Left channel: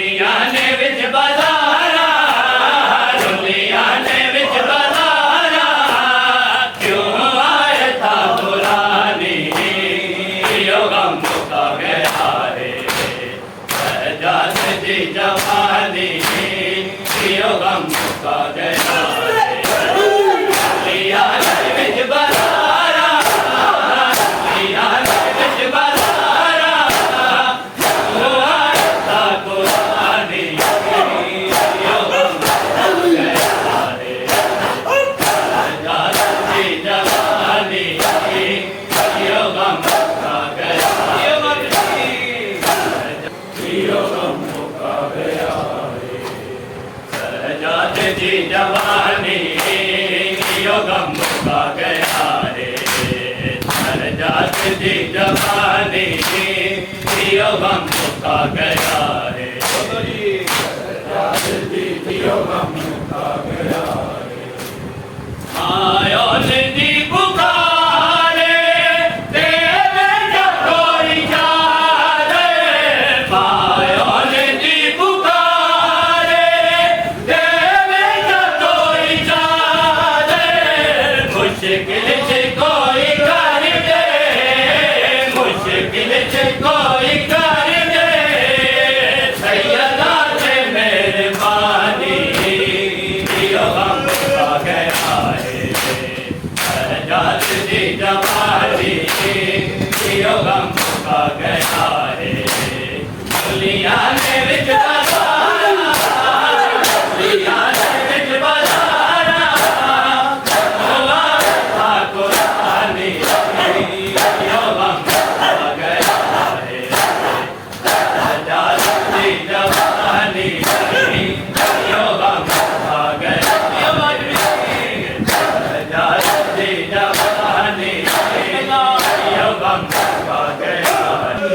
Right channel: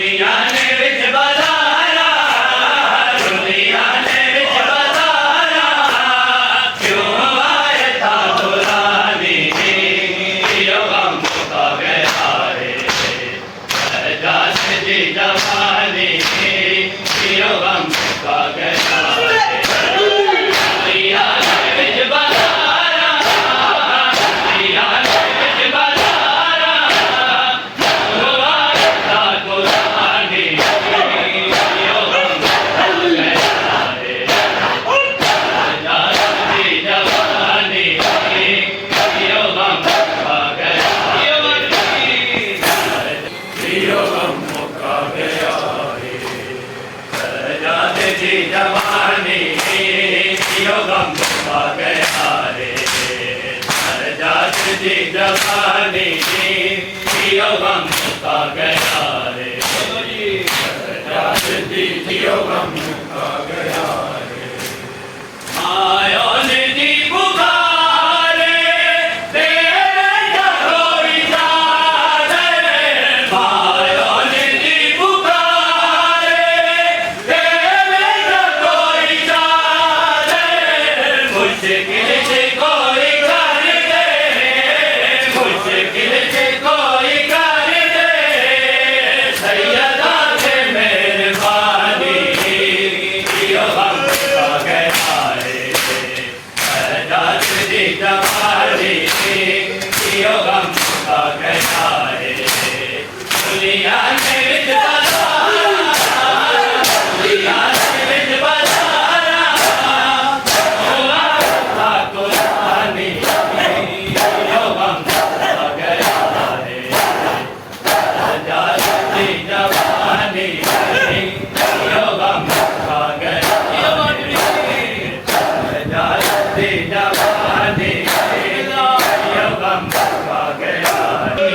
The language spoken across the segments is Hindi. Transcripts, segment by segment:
दुनिया ने विच बाजारा दुनिया ने विच बाजारा क्यों आए था दुलानी यो गम का गया रे जात जी जवानी यो गम का गया दुनिया ने विच बाजारा दुनिया ने विच बाजारा क्यों आए था दुलानी यो गम का गया रे जात जी जवानी यो गम का गया यो गम का गया रे जात जी जवानी यो गम का गया रे जात जी जवानी यो गम का गया रे जात जी यो गम का गया रे आयो निधि पुकारे तेरे कोई जाने आयो निधि पुकारे तेरे कोई जाने मुश्किल से कोई कर दे मुश्किल से कोई कर दे सैयदा से मेहरबानी यो गम का गया रे जात जी जवानी यो गम का गया रे दुनिया ने विच बाजारा दुनिया ने विच बाजारा हुआ था कुरानी यो गम का गया रे जात जी जवानी यो गम का गया रे जात जी जवानी यो गम का गया रे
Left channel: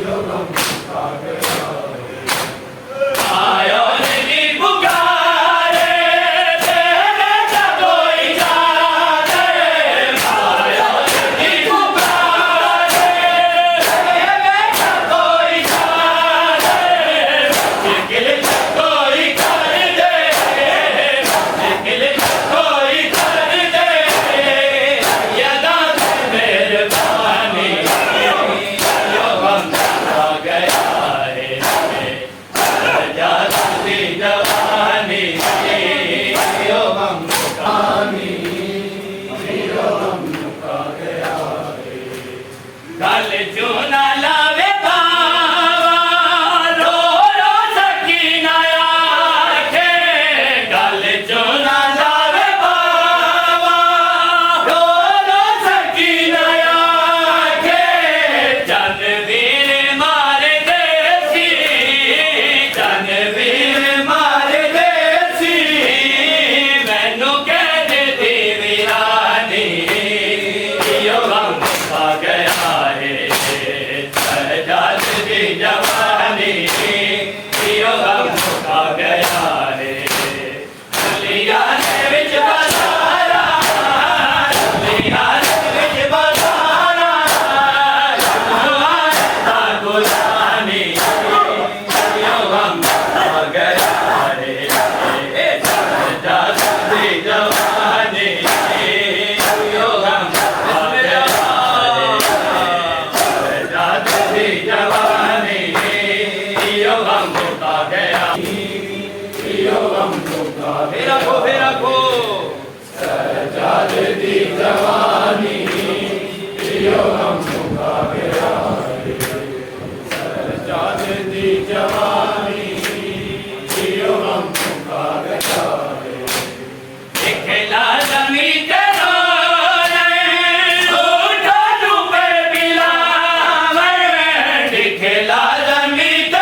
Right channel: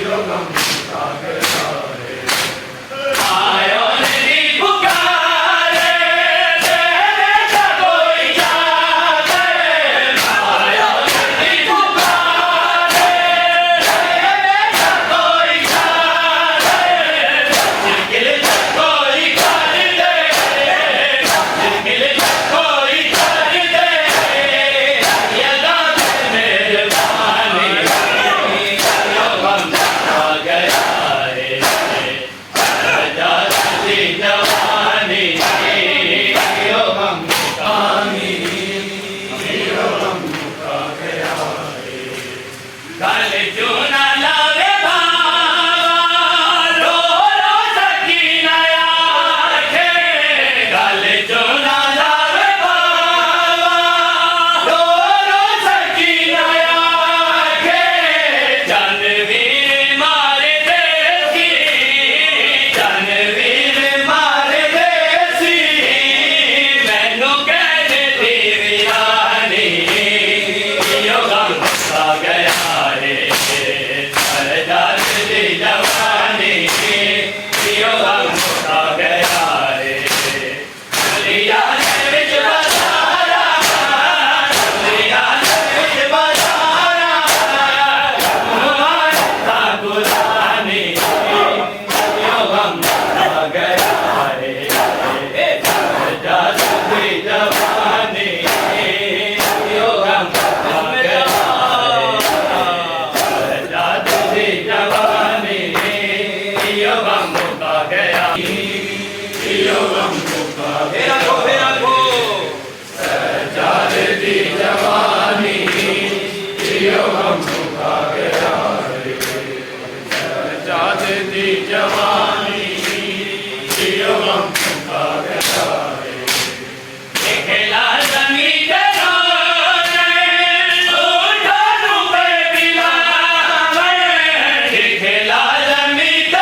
यो गम का गया रे आयो निधि पुकारे तेरे कोई जाने आयो निधि पुकारे तेरे कोई जाने मुश्किल से कोई कर दे मुश्किल से कोई कर दे यदा से मेहरबानी यो गम का गया रे जात जी जवानी यो गम का गया रे गल जो ना लावे भावा रो रो सकीना आखे गल जो ना लावे भावा रो रो सकीना आखे जनवीर मारे देसी जनवीर मारे देसी मैनू कह दे वीरानी यो गम का गया रे जात जी जवानी यो गम का गया रे दुनिया ने विच बाजारा दुनिया ने विच बाजारा हुआ था गुलानी यो गम का गया रे जात जी जवानी यो गम का गया रे जात जी जवानी यो गम का गया यो गम का गया जात जी जवानी यो गम का गया रे जात जी जवानी यो गम का गया रे दिखला जमीन दिखला जमीन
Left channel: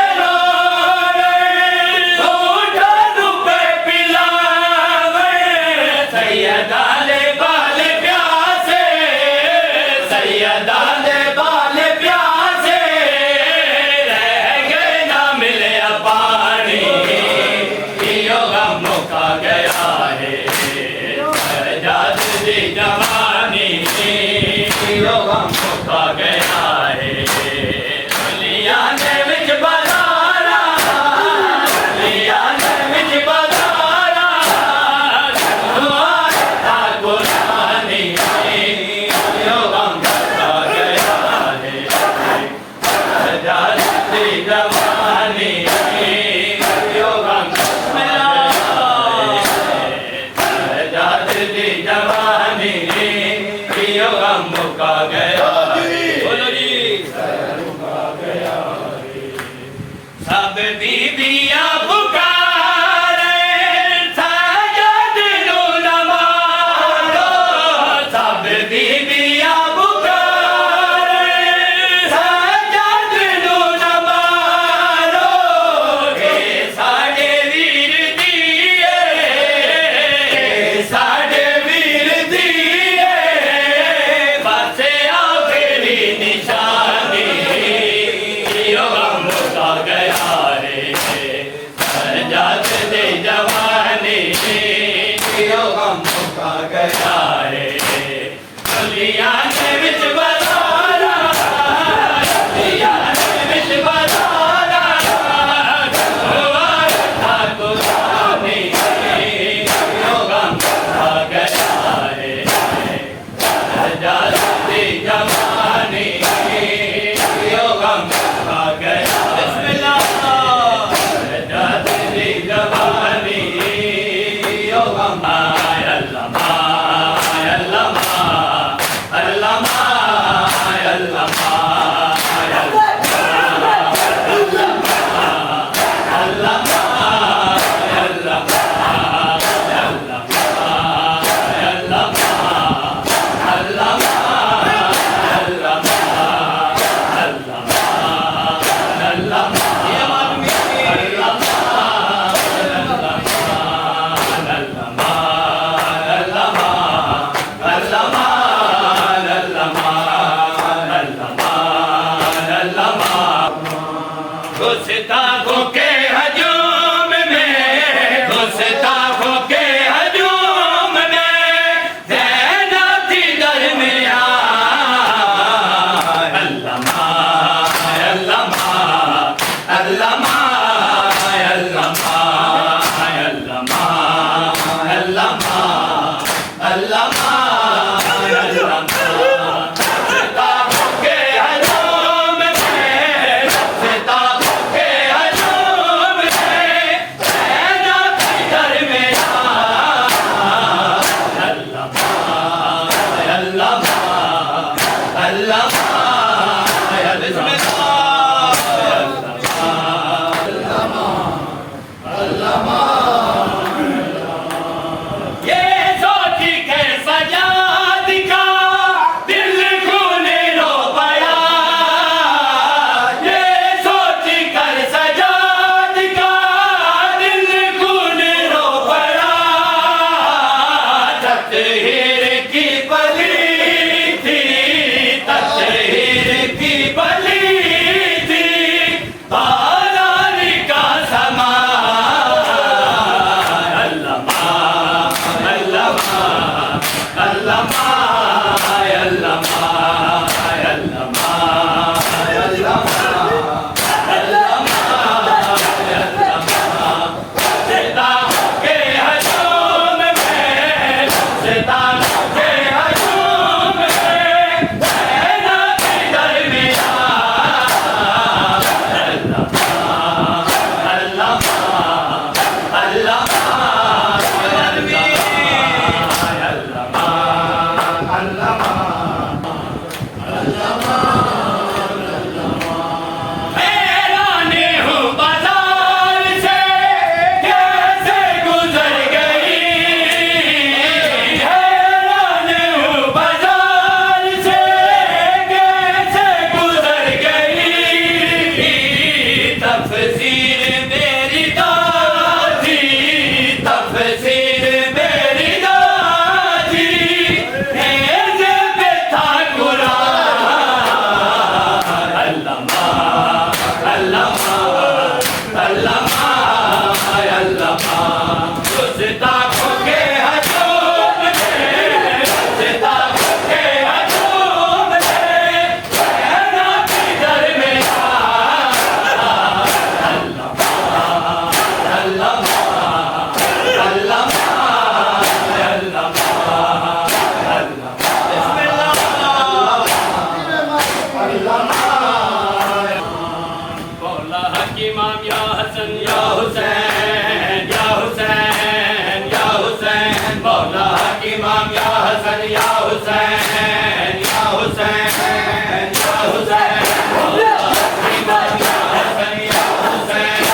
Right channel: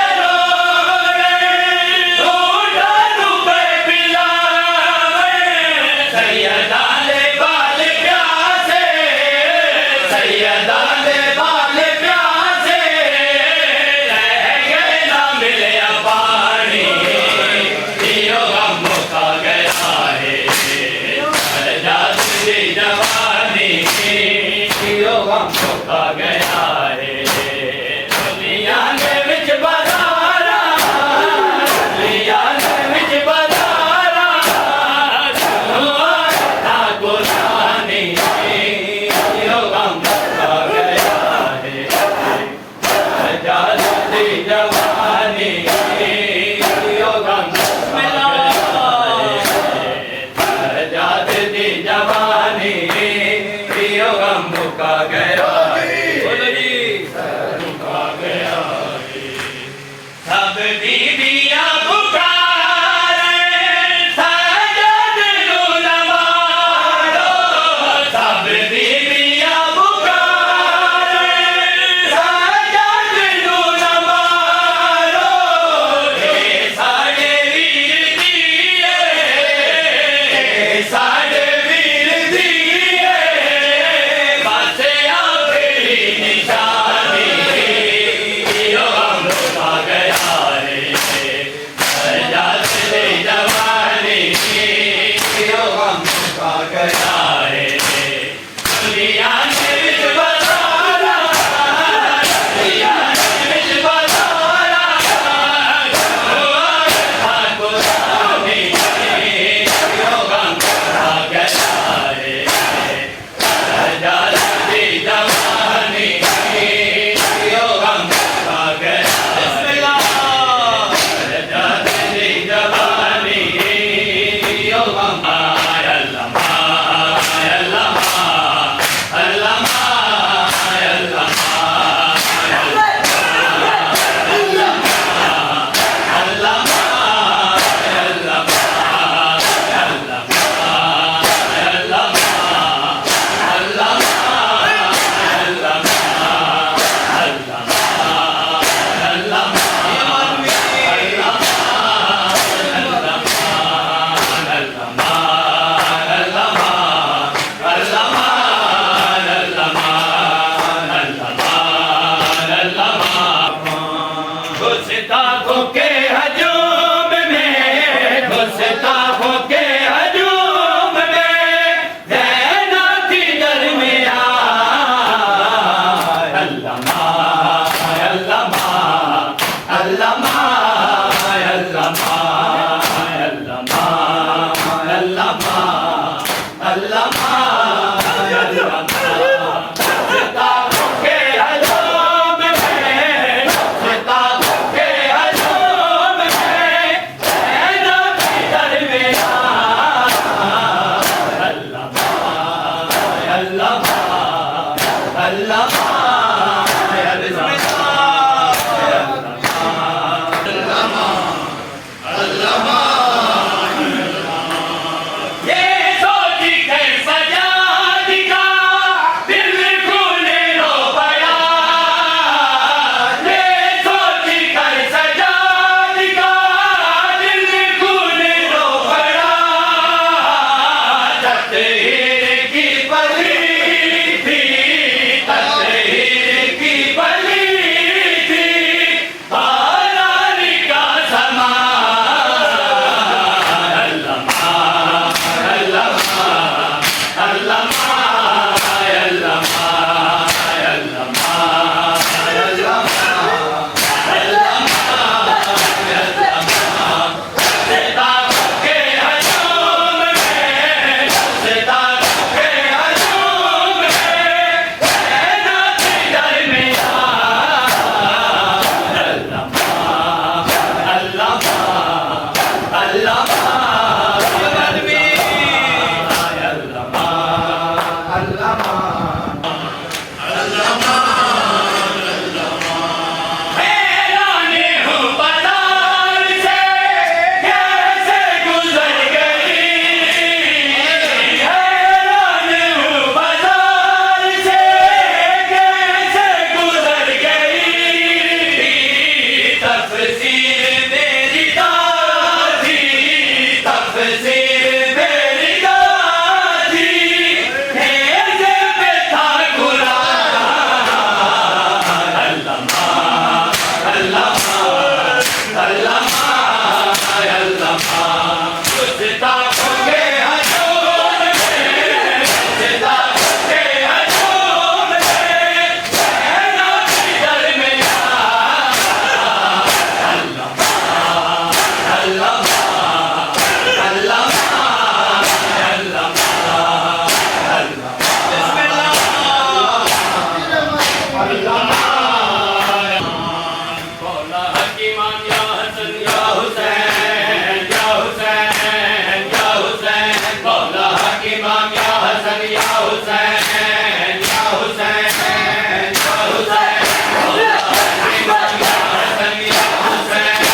सैयदा ले बाल प्यासे सैयदा ले बाल प्यासे रह गए ना मिले जवानी जियो गम जाते दी जवानी जियो गम मुका गया बोलो जी मुका गया सब बीबियां पुकारे सजद नु नवारो सब बीबियां पुकारे सजद नु नवारो हे साडे वीर दिए साडे वीर दिए बस आखिरी निशानी जियो गम मुका गया रे जात दे जवानी जियो गम मुका गया रे दुनिया ने विच बसारा दुनिया ने विच बसारा ठाकुर सानी जियो गम मुका गया रे जात दे जवानी जियो गम मुका गया बिस्मिल्लाह जाते दी जवानी जियो गम अल्लाह गुस्ताखों के हजूम में गुस्ताखों के हजूम में ज़ैना थी दरमियां अल्लामा अल्लामा अल्लामा अल्लामा अल्लामा अल्लामा अल्लामा गुस्ताखों के हजूम में गुस्ताखों के हजूम में ज़ैना थी दरमियां अल्लामा अल्लामा अल्लामा ये सोची के सजाद का दिल खूने रो पड़ा ये सोची कर सजाद का दिल खूने रो पड़ा तकदीर की बली थी तकदीर की बली थी बारानी का समा अल्लामा अल्लामा अल्लामा अल्लामा अल्लामा अल्लामा सितारों के हजूम में सितारों के हजूम में ज़ैना थी दरमियां अल्लामा अल्लामा अल्लामा हैरान हूँ बाजार से कैसे गुजर गई हैरान हूँ बाजार से कैसे गुजर गई तफसीर मेरी दादी तफसीर मेरी दादी हेज़े पे था कुरान अल्लामा अल्लामा अल्लामा अल्लामा गुस्ताखों के हजूम में गुस्ताखों के हजूम में ज़ैना थी दरमियां अल्लामा अल्लामा अल्लामा अल्लामा अल्लामा मौला हक इमाम या हसन या हुसैन या हुसैन या हुसैन मौला हक इमाम या हसन या हुसैन या हुसैन या हुसैन मौला हक इमाम या हसन या हुसैन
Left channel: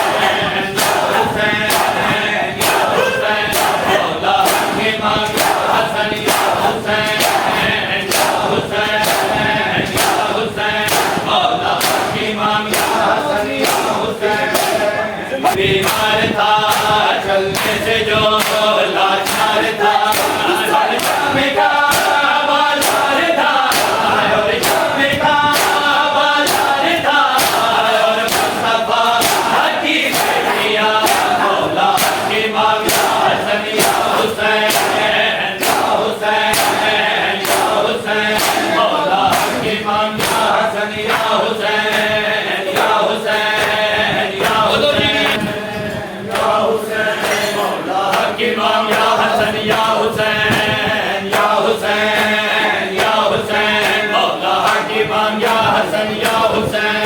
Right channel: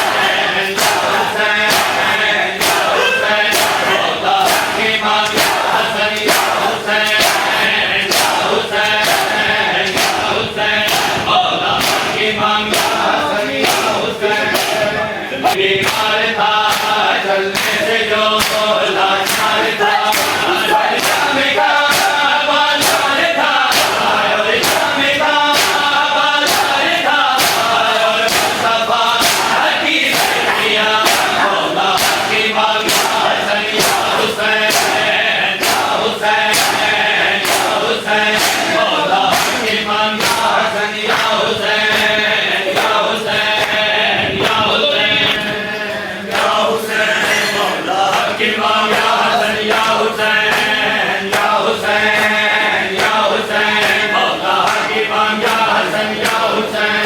या हुसैन या हुसैन मौला हक इमाम या हसन या हुसैन या हुसैन या हुसैन मौला हक इमाम या हसन या हुसैन बीमार था चलने से जो लाचार था शामी का बाजार था और शामी का बाजार था और मुस्तफा की किया मौला की मांगा हसन या हुसैन या हुसैन या हुसैन मौला की मांगा हसन या हुसैन या हुसैन या हुसैन या हुसैन मौला की मांगा हसन या हुसैन या हुसैन या हुसैन मौला की मांगा हसन या हुसैन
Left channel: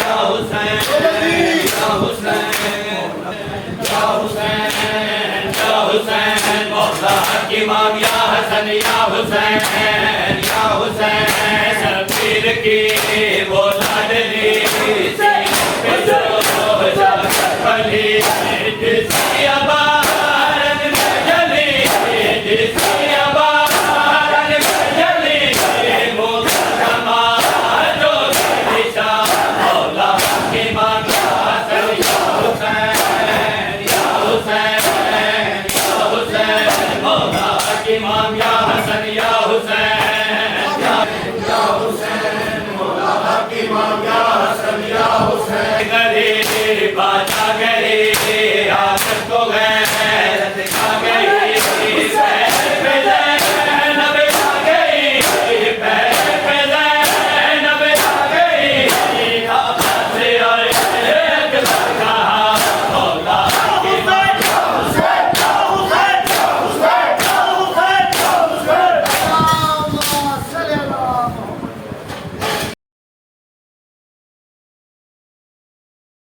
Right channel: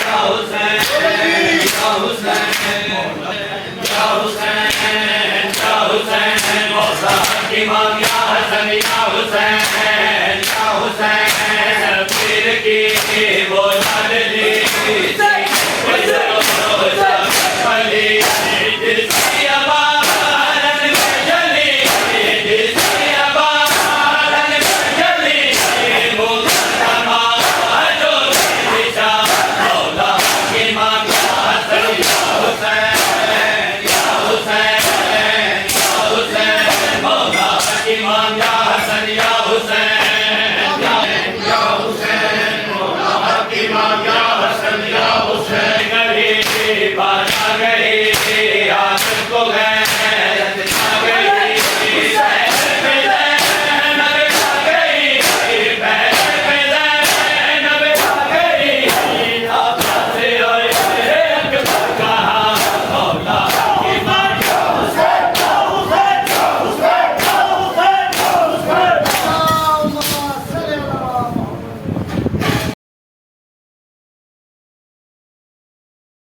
या हुसैन या हुसैन या हुसैन या हुसैन मौला की मांगा हसन या हुसैन या हुसैन पीर की वो लाडली पली जिसकी आबाद में जली जिसकी आबाद में जली वो नमा जो दिशा मौला की मांगा हसन या हुसैन